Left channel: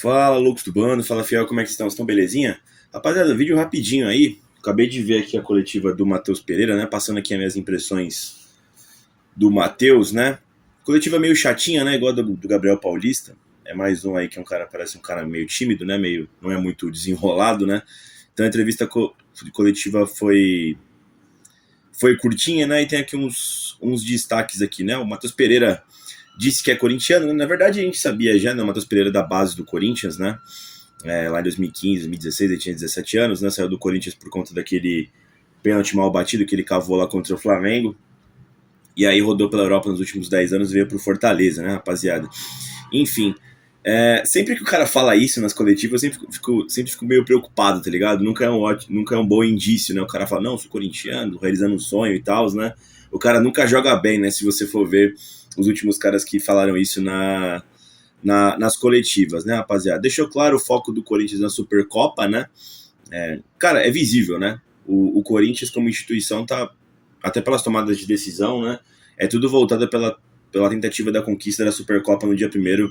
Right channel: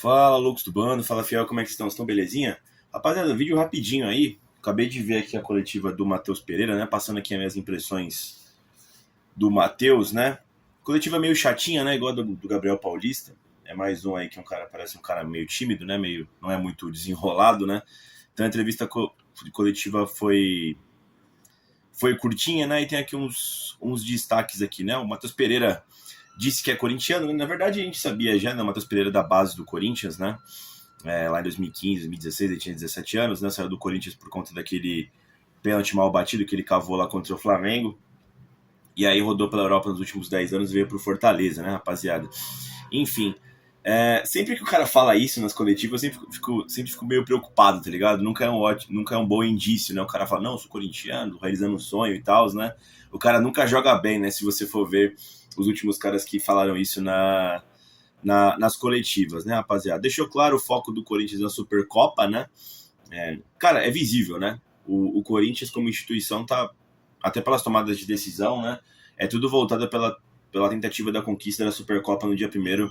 Fala, loucos do bando, fala fiel, como é que estão? Estão belezinha? Rapaziada, vídeo rapidinho aí. Acabei de ver aqui a coletiva do Matheus Pereira, né? Passando aqui as minhas impressões do Matheus, né? Coletiva meio chatinha, né? Igual a do Gabriel Paulista. É mais um aí que é um cara, parece um cara meio tímido, né? Meio, não é muito desenrolado, né? Então a entrevista coletiva foi curtinha, né? E tem aqui uns destaques aqui, né? O Matheus Pereira disse que é corintiano, né? Na verdade a gente sabia já, né? O Matheus Pereira da base do Corinthians, né? Lá em 2015, 2016, ele tinha 17 anos, né? Saiu do Corinthians por conta daquele pênalti mal batido que ele cavou lá contra o Flamengo. E aí rodou pela Europa nos últimos 10 anos e veio pro Fortaleza, né, rapaziada? Enfim, sempre que o cara fala isso nas coletivas, eu sempre fico meio preocupado, tá ligado? Nunca é um bom indício, né? O cara fala, não, sou corintiano, realizando um sonho e tal, né? O cara nunca joga bem, né? Se você for ver os últimos caras que falaram isso nas coletivas, né, rapaziada? Deixou claro o foco do Corinthians na Supercopa, né? Cara, é visível, né? O Corinthians, como instituição, tá, até pelas tomadas de decisão, né? É tudo voltado pela tentativa da conquista da Supercopa no dia 1º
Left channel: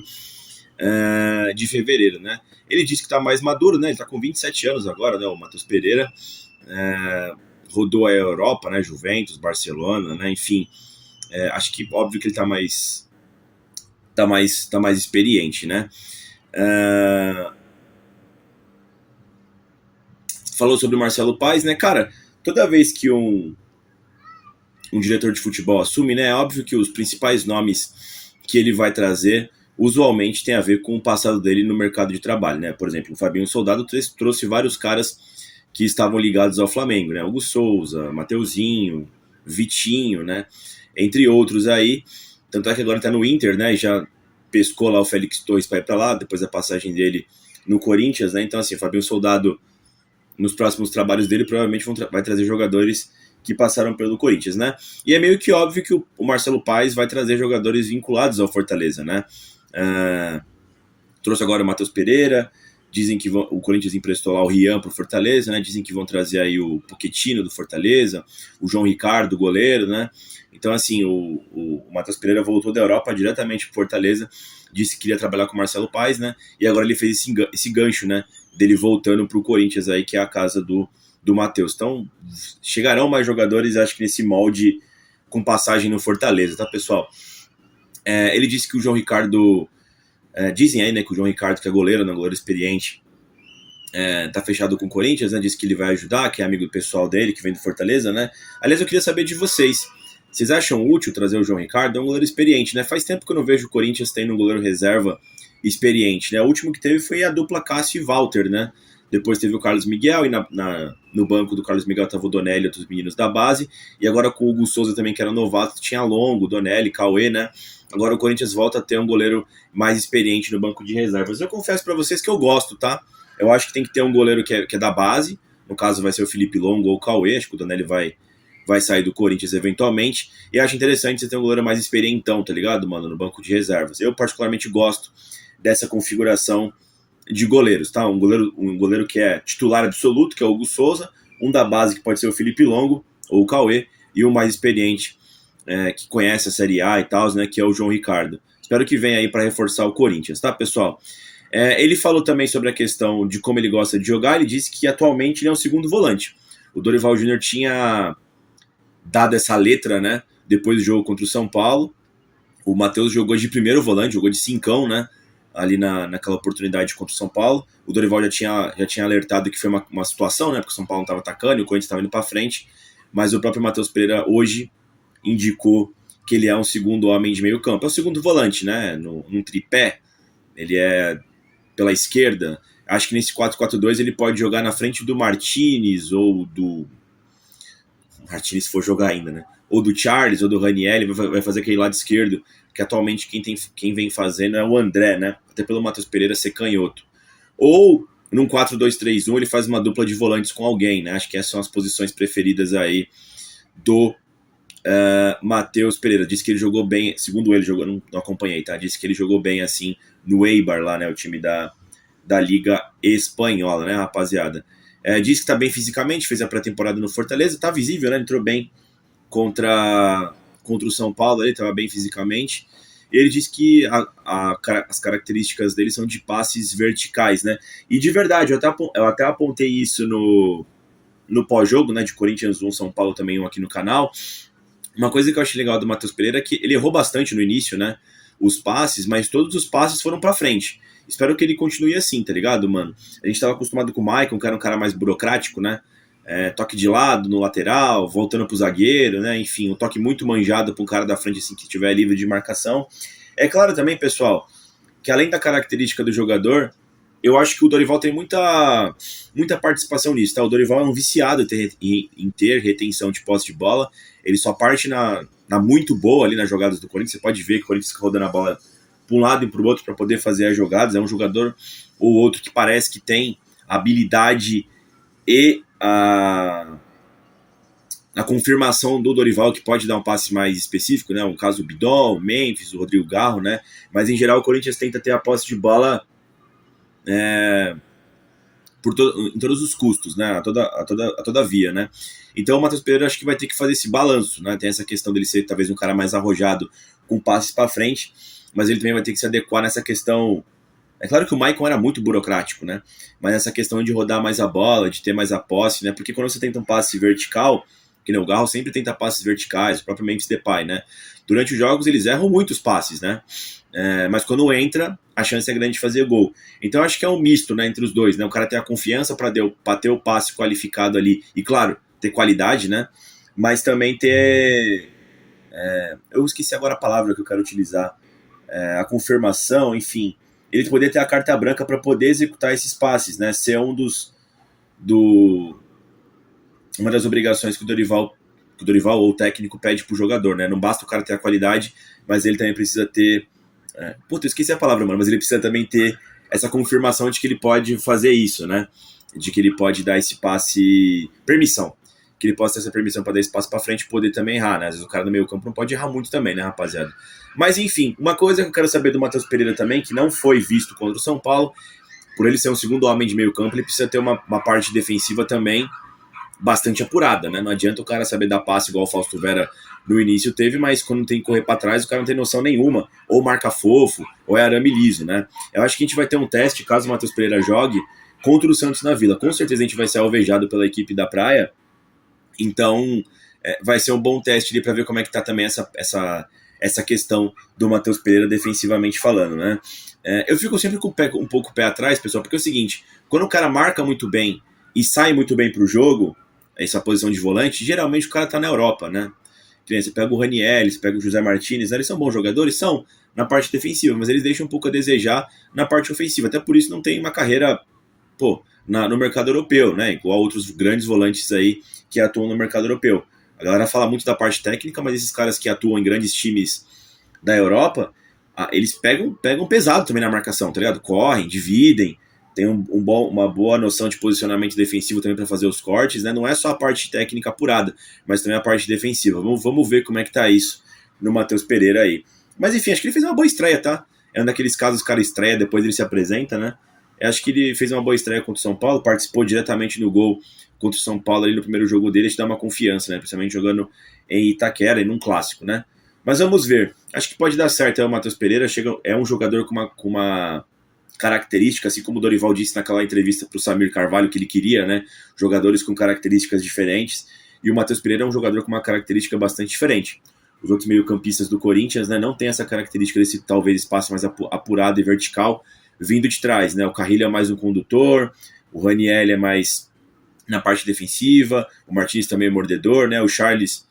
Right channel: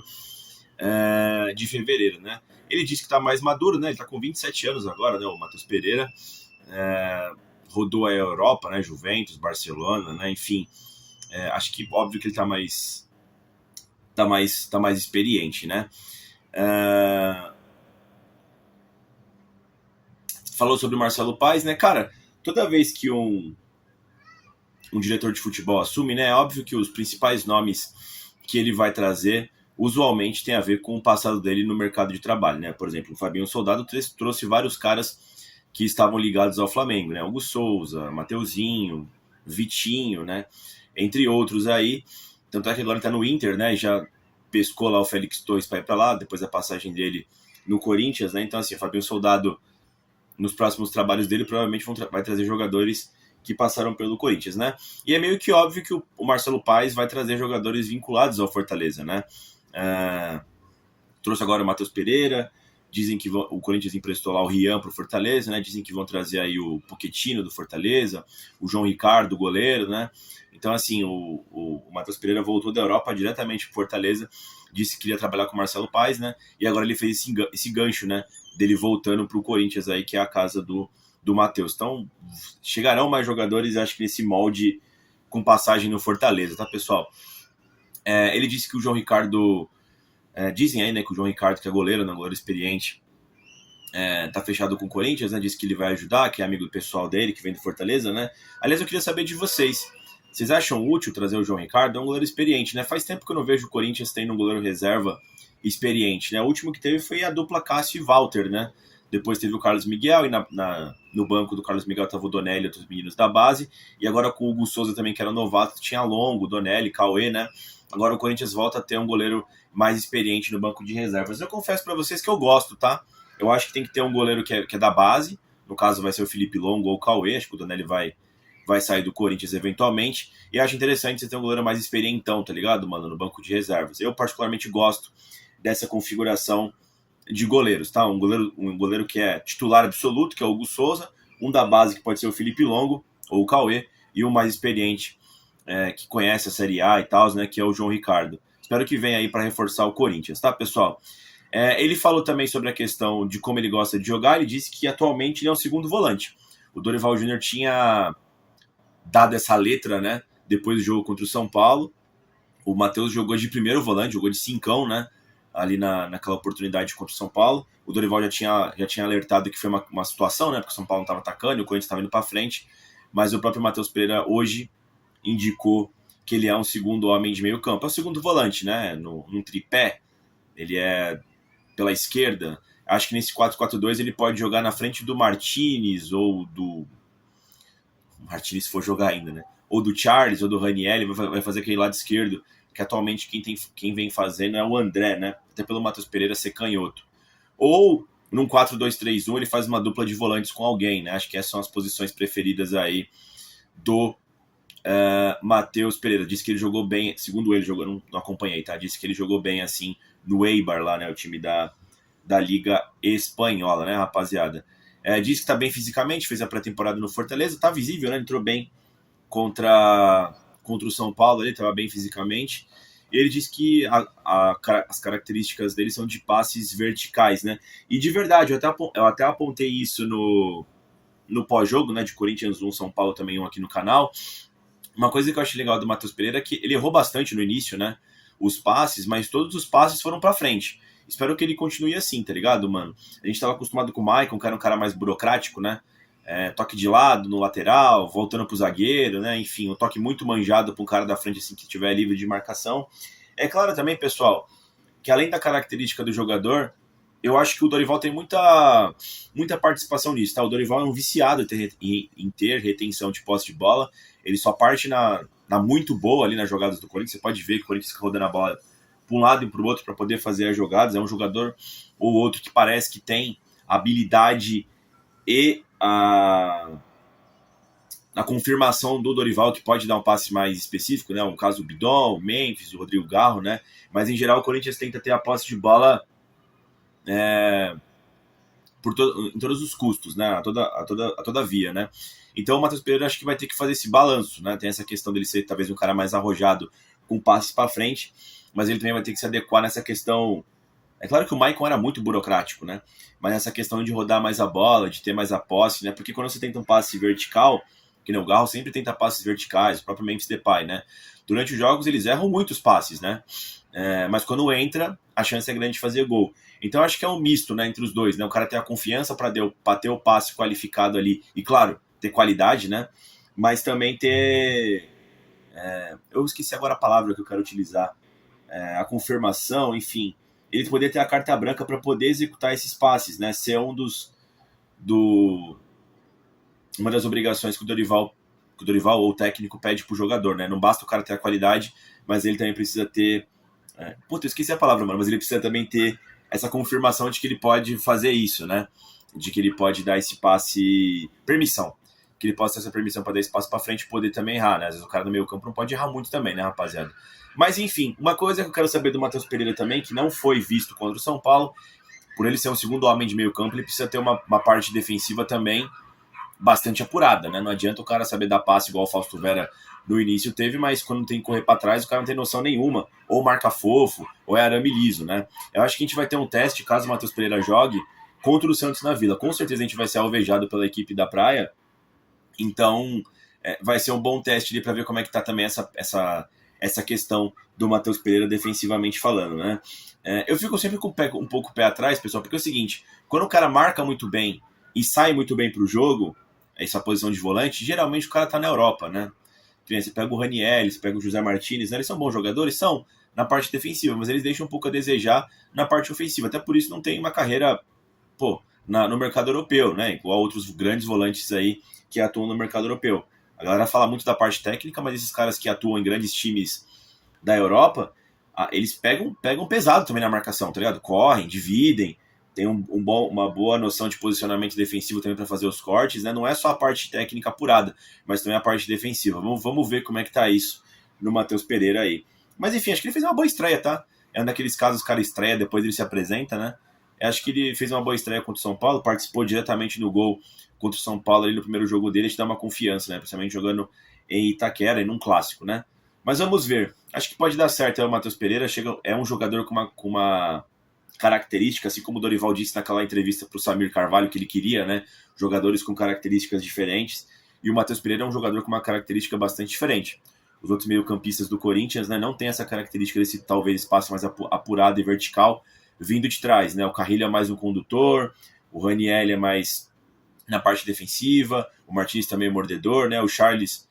de fevereiro, né? Ele disse que tá mais maduro, né? Ele tá com 27 anos agora, né? O Matheus Pereira. Rodou a Europa, né? Juventus, Barcelona, né? Enfim, acho que óbvio que ele tá mais experiente, né? Falou sobre o Marcelo Paes, né? Cara, toda vez que um diretor de futebol assume, né? É óbvio que os principais nomes que ele vai trazer usualmente tem a ver com o passado dele no mercado de trabalho, né? Por exemplo, o Fabinho Soldado trouxe vários caras que estavam ligados ao Flamengo, né? Hugo Souza, Mateuzinho, Vitinho, né? Entre outros aí. Tanto é que agora tá no Inter, né? E já pescou lá o Félix Torres para ir para lá, depois da passagem dele no Corinthians, né? Então, assim, o Fabinho Soldado, nos próximos trabalhos dele, provavelmente vai trazer jogadores que passaram pelo Corinthians, né? E é meio que óbvio que o Marcelo Paes vai trazer jogadores vinculados ao Fortaleza, né? Trouxe agora o Matheus Pereira, dizem que o Corinthians emprestou lá o Rian pro Fortaleza, né? Dizem que vão trazer aí o Pochettino do Fortaleza, o João Ricardo, o goleiro, né? Então, assim, o Matheus Pereira voltou da Europa diretamente pro Fortaleza, disse que queria trabalhar com o Marcelo Paes, né? E agora ele fez esse gancho, né? Dele voltando pro Corinthians aí, que é a casa do Matheus. Então, chegarão mais jogadores, acho que nesse molde com passagem no Fortaleza, tá, pessoal? Ele disse que o João Ricardo... dizem aí, né, que o João Ricardo, que é goleiro, né, goleiro experiente, tá fechado com o Corinthians, né? Disse que ele vai ajudar, que é amigo do pessoal dele, que vem do Fortaleza, né? Aliás, eu queria saber de vocês. Vocês acham útil trazer o João Ricardo? É um goleiro experiente, né? Faz tempo que eu não vejo o Corinthians tendo um goleiro reserva experiente, né? O último que teve foi a dupla Cássio e Walter, né? Depois teve o Carlos Miguel, e no banco do Carlos Miguel tava o Donelli e outros meninos da base, e agora com o Hugo Souza também, que era novato, tinha Longo, Donelli, Cauê, né? Agora o Corinthians volta a ter um goleiro mais experiente no banco de reservas. Eu confesso para vocês que eu gosto, tá? Eu acho que tem que ter um goleiro que é da base, no caso vai ser o Felipe Longo ou o Cauê, acho que o Donelli vai sair do Corinthians eventualmente, e acho interessante você ter um goleiro mais experientão, tá ligado, mano, no banco de reservas. Eu particularmente gosto dessa configuração de goleiros, tá? Um goleiro que é titular absoluto, que é o Hugo Souza, um da base que pode ser o Felipe Longo ou o Cauê, e o mais experiente, que conhece a Série A e tal, né, que é o João Ricardo. Espero que venha aí para reforçar o Corinthians, tá, pessoal? Ele falou também sobre a questão de como ele gosta de jogar. Ele disse que atualmente ele é um segundo volante. O Dorival Júnior tinha dado essa letra, né, depois do jogo contra o São Paulo. O Matheus jogou de primeiro volante, jogou de cincão, né, ali naquela oportunidade contra o São Paulo. O Dorival já tinha alertado que foi uma situação, né, porque o São Paulo não estava atacando e o Corinthians estava indo para frente, mas o próprio Matheus Pereira hoje indicou que ele é um segundo homem de meio campo. É o segundo volante, né, num tripé. Ele é pela esquerda. Acho que nesse 4-4-2 ele pode jogar na frente do Martinez ou do... O Martinez for jogar ainda, né? Ou do Charles ou do Raniel, vai fazer aquele lado esquerdo, que atualmente quem vem fazendo é o André, né? Até pelo Matheus Pereira ser canhoto. Ou num 4-2-3-1 ele faz uma dupla de volantes com alguém, né? Acho que essas são as posições preferidas aí do Matheus Pereira. Disse que ele jogou bem, segundo ele, não acompanhei, tá? Disse que ele jogou bem assim no Eibar lá, né? O time da Liga Espanhola, né, rapaziada? Disse que tá bem fisicamente, fez a pré-temporada no Fortaleza, tá visível, né? Entrou bem contra o São Paulo, ele tava bem fisicamente. ele diz que as características dele são de passes verticais, né? E de verdade, eu até apontei isso no pós-jogo, né, de Corinthians 1, São Paulo também um aqui no canal. Uma coisa que eu achei legal do Matheus Pereira é que ele errou bastante no início, né? Os passes, mas todos os passes foram pra frente. Espero que ele continue assim, tá ligado, mano? A gente tava acostumado com o Maicon, que era um cara mais burocrático, né? Toque de lado, no lateral, voltando pro zagueiro, né? Enfim, um toque muito manjado pro cara da frente, assim, que estiver livre de marcação. É claro também, pessoal, que além da característica do jogador, eu acho que o Dorival tem muita participação nisso, tá? O Dorival é um viciado em ter retenção de posse de bola. Ele só parte na muito boa ali nas jogadas do Corinthians. Você pode ver que o Corinthians fica rodando a bola para um lado e para o outro para poder fazer as jogadas. É um jogador ou outro que parece que tem habilidade e a confirmação do Dorival, que pode dar um passe mais específico, né? Um caso do Bidon, o Memphis, o Rodrigo Garro, né? Mas em geral o Corinthians tenta ter a posse de bola em todos os custos, né? A toda via, né? Então o Matheus Pereira acho que vai ter que fazer esse balanço, né? Tem essa questão dele ser talvez um cara mais arrojado com passes para frente, mas ele também vai ter que se adequar nessa questão. É claro que o Maicon era muito burocrático, né? Mas essa questão de rodar mais a bola, de ter mais a posse, né? Porque quando você tenta um passe vertical, que nem o Garro sempre tenta passes verticais, propriamente Depay, né? Durante os jogos eles erram muitos passes, né? Mas quando entra, a chance é grande de fazer gol. Então acho que é um misto, né, entre os dois, né? O cara ter a confiança para ter o passe qualificado ali e, claro, ter qualidade, né? Mas também ter... eu esqueci agora a palavra que eu quero utilizar. A confirmação, enfim. Ele poder ter a carta branca para poder executar esses passes, né? Ser uma das obrigações que o Dorival ou o técnico pede pro jogador, né? Não basta o cara ter a qualidade, mas ele também precisa ter... eu esqueci a palavra, mano, mas ele precisa também ter essa confirmação de que ele pode fazer isso, né? De que ele pode dar esse passe... Permissão. Que ele possa ter essa permissão para dar esse passe para frente e poder também errar, né? Às vezes o cara no meio campo não pode errar muito também, né, rapaziada? Mas enfim, uma coisa que eu quero saber do Matheus Pereira também, que não foi visto contra o São Paulo, por ele ser um segundo homem de meio campo, ele precisa ter uma parte defensiva também bastante apurada, né? Não adianta o cara saber dar passe igual o Fausto Vera no início teve, mas quando tem que correr para trás, o cara não tem noção nenhuma. Ou marca fofo, ou é arame liso, né? Eu acho que a gente vai ter um teste, caso o Matheus Pereira jogue, contra o Santos na Vila. Com certeza a gente vai ser alvejado pela equipe da Praia, então vai ser um bom teste ali para ver como é que tá também essa questão do Matheus Pereira defensivamente falando, né? Eu fico sempre com um pouco o pé atrás, pessoal, porque é o seguinte, quando o cara marca muito bem e sai muito bem pro jogo, essa posição de volante, geralmente o cara tá na Europa, né? Você pega o Ranieri, você pega o José Martinez, né? Eles são bons jogadores? São, na parte defensiva, mas eles deixam um pouco a desejar na parte ofensiva, até por isso não tem uma carreira, no mercado europeu, né? Igual outros grandes volantes aí que atuam no mercado europeu. A galera fala muito da parte técnica, mas esses caras que atuam em grandes times da Europa, eles pegam pesado também na marcação, tá ligado? Correm, dividem, tem uma boa noção de posicionamento defensivo também para fazer os cortes, né? Não é só a parte técnica apurada, mas também a parte defensiva. Vamos ver como é que tá isso no Matheus Pereira aí. Mas enfim, acho que ele fez uma boa estreia, tá? É um daqueles casos que o cara estreia, depois ele se apresenta, né? Eu acho que ele fez uma boa estreia contra o São Paulo, participou diretamente no gol contra o São Paulo ali no primeiro jogo dele, te dá uma confiança, né? Principalmente jogando em Itaquera e num clássico, né? Mas vamos ver. Acho que pode dar certo. O Matheus Pereira é um jogador com uma característica, assim como o Dorival disse naquela entrevista para o Samir Carvalho que ele queria, né? Jogadores com características diferentes. E o Matheus Pereira é um jogador com uma característica bastante diferente. Os outros meio-campistas do Corinthians, né, não tem essa característica desse talvez espaço mais apurado e vertical vindo de trás, né? O Carrilho é mais um condutor, o Ranieri é mais na parte defensiva, o Martins também é mordedor, né? O Charles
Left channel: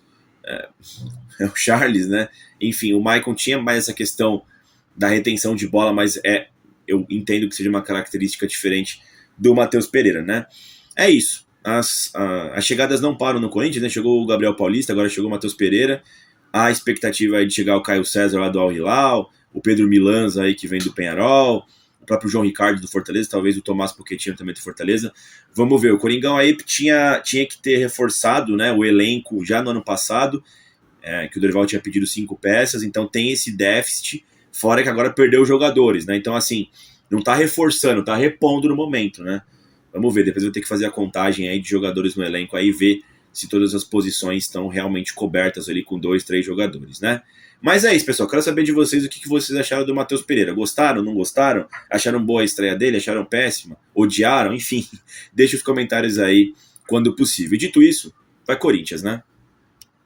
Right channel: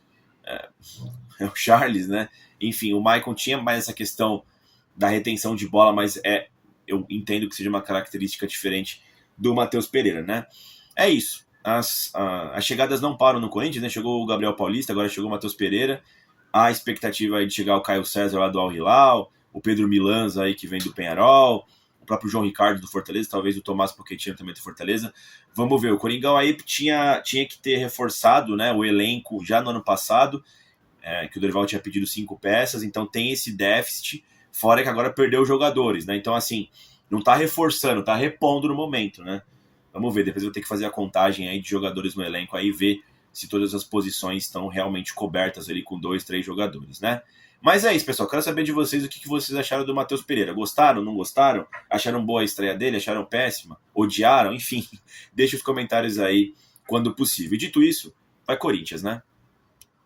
o Charles, né? Enfim, o Maicon tinha mais essa questão da retenção de bola, mas eu entendo que seja uma característica diferente do Matheus Pereira, né? É isso. As chegadas não param no Corinthians, né? Chegou o Gabriel Paulista, agora chegou o Matheus Pereira. A expectativa é de chegar o Caio César lá do Al Hilal, o Pedro Milanza aí que vem do Peñarol, o próprio João Ricardo do Fortaleza, talvez o Tomás Pochettino também do Fortaleza. Vamos ver, o Coringão aí tinha que ter reforçado, né, o elenco já no ano passado, que o Dorival tinha pedido 5 peças, então tem esse déficit, fora que agora perdeu os jogadores, né? Então, assim, não tá reforçando, tá repondo no momento, né? Vamos ver, depois eu vou ter que fazer a contagem aí de jogadores no elenco aí, ver se todas as posições estão realmente cobertas ali com 2, 3 jogadores, né? Mas é isso, pessoal. Quero saber de vocês o que vocês acharam do Matheus Pereira. Gostaram, não gostaram? Acharam boa a estreia dele? Acharam péssima? Odiaram? Enfim, deixe os comentários aí quando possível. E dito isso, vai Corinthians, né?